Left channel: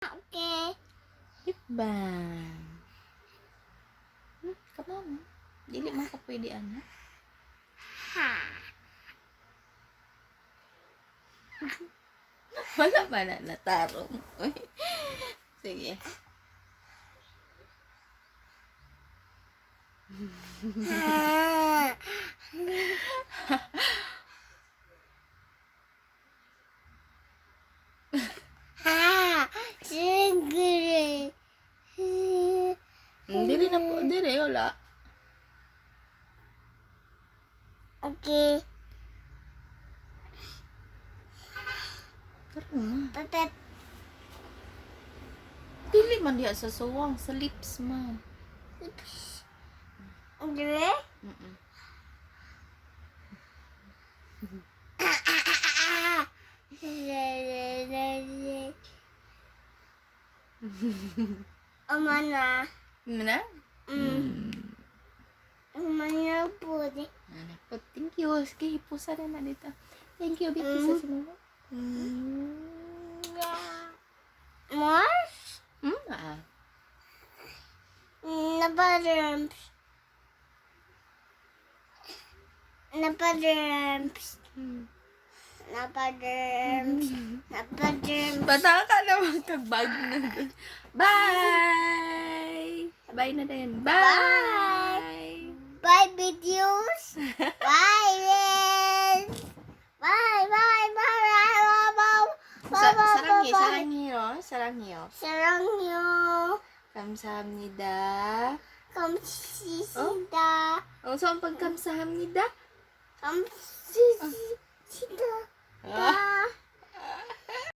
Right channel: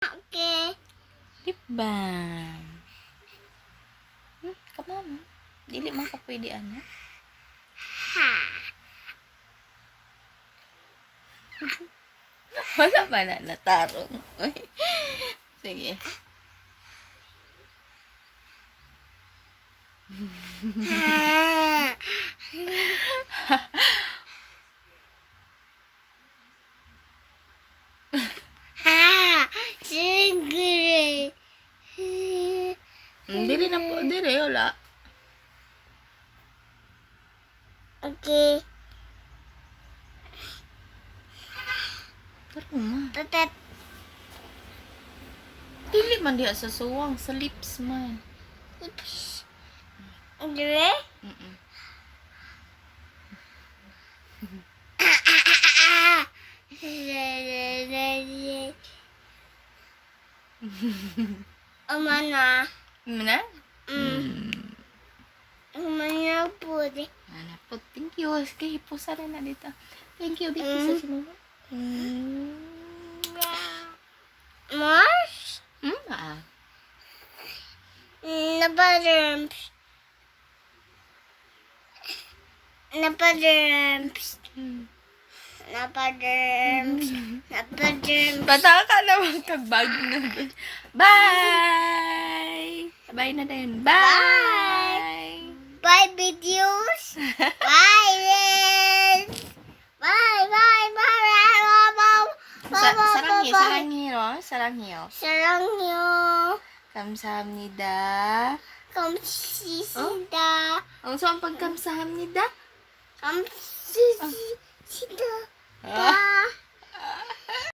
Okay. Lip balm. Come on. Dili man ka pwede ano. Ha. Wala ba na natarong? Sige. Ha. Ha. Sigre. Dili na po. Dili, wala. Okay. Pero ma. Tatat. Dili man diya sa suwang. Sa lips man. Dire? Mm-mm. Mana? Mana? Mana po di. Ano po? Thank you. Sige, hipusa rin na dito. Thank you, Bibi, sa sinunod. Mars? Napadrums. Napadrums. Napadrums. Napadrums. Bata ka naman kagbag na dun. Bye! Bye na din. Bye! Bye videos. Bye then. Bye bye bye bye bye. Saranghi, saranghiyo. Saranghiyo. Sarangyo. Kamsahamnida. Kamsisida. Ang saan pagkamsahamnida? Kamsisida.